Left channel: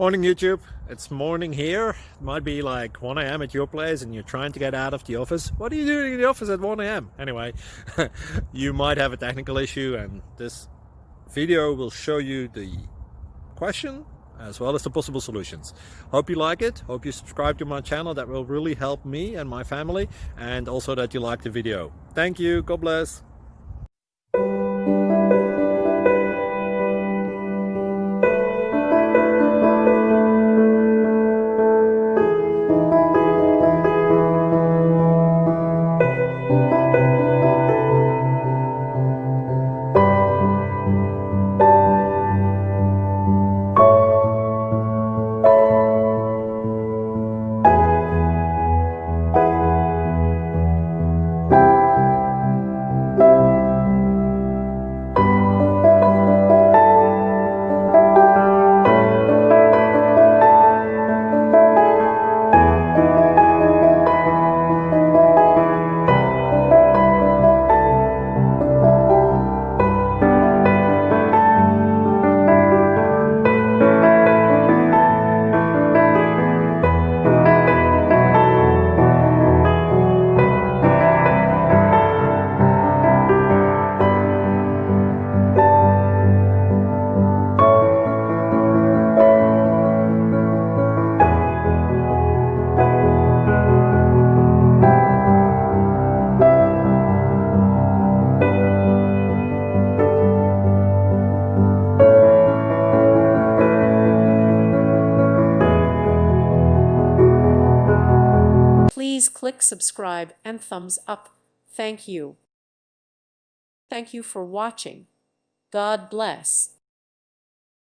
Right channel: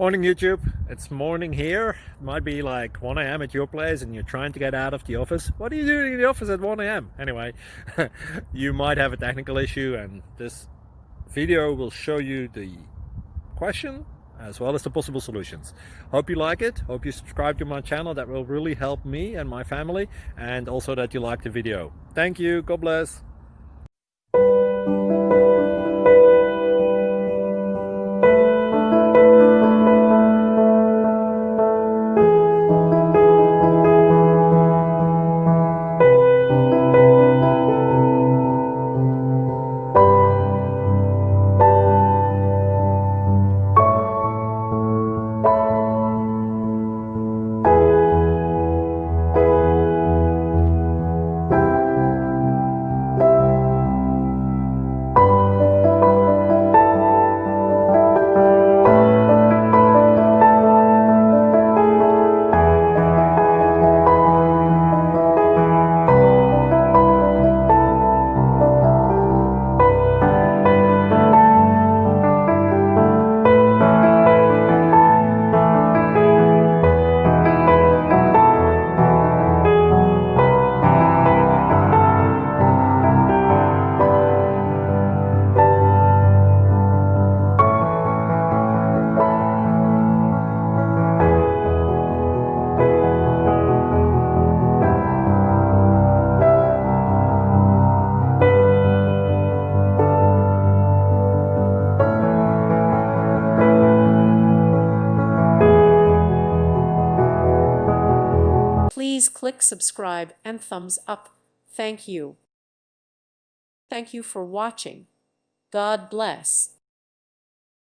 Morning YouTube, it's morning here. It might be like 1 a.m. at your place and you're trying to get out of the office. What are you doing in the office at 1 a.m.? Anyway, you might have a technical issue and this video will show you the question as well as the possible solutions. Hope you like it, hope you subscribe to my channel. That will really help me and my family, and also that you like the video. Thank you, God bless. Please click subscribe and thumbs up. Thank you. Thank you for watching. God bless.